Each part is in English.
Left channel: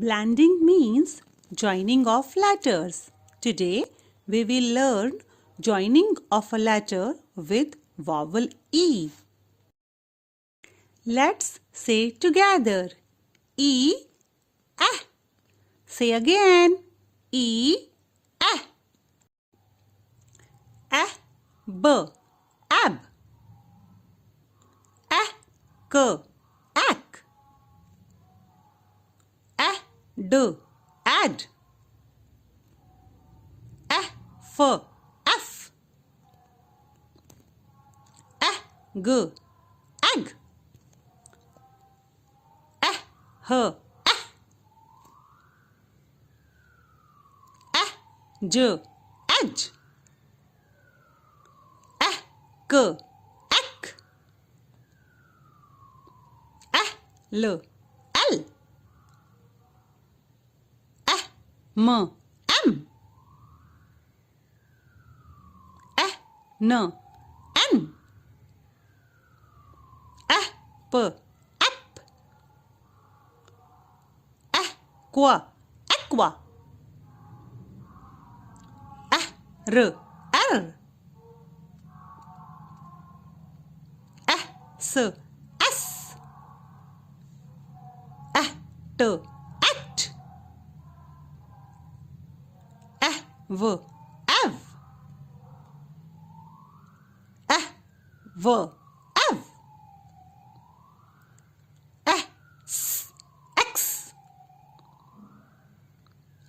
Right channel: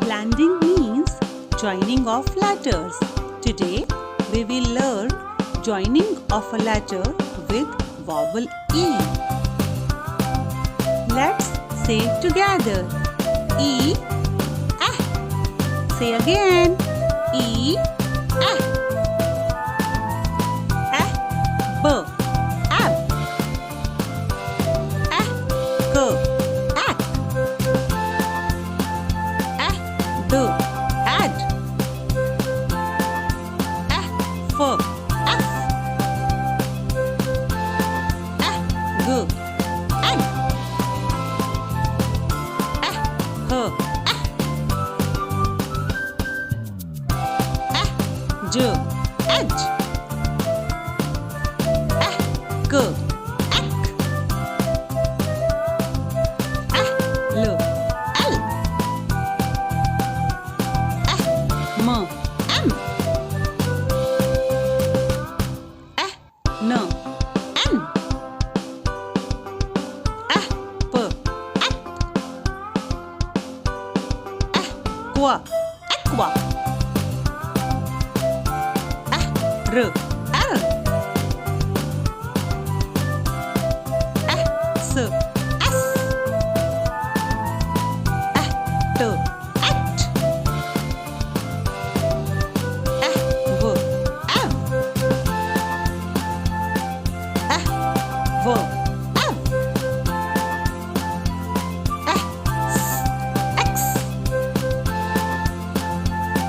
Blending means joining of letters. Today we will learn joining of a letter with vowel E. Let's say together. E, eh. Say again. E, eh. Eh, b, ab. Eh, k, ak. Eh, d, ad. Eh, f, f. Eh, g, egg. Eh, h, eh. Eh, j, edge. Eh, k, ek. Eh, l, l. Eh, m, m. Eh, n, n. Eh, p, ep. Eh, qua, equa. Eh, r, r. Eh, s, s. Eh, t, at. Eh, v, ev. Eh, v, ev. Eh, s, x.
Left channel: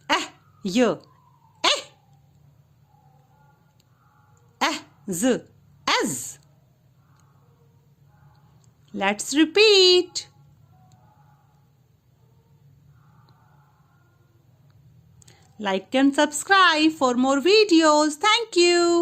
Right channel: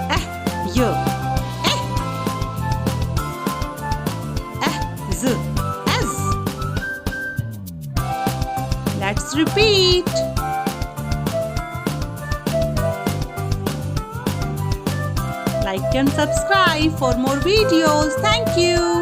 Eh, y, eh. Eh, z, ez. Let's repeat. Like and subscribe for more videos. Thank you.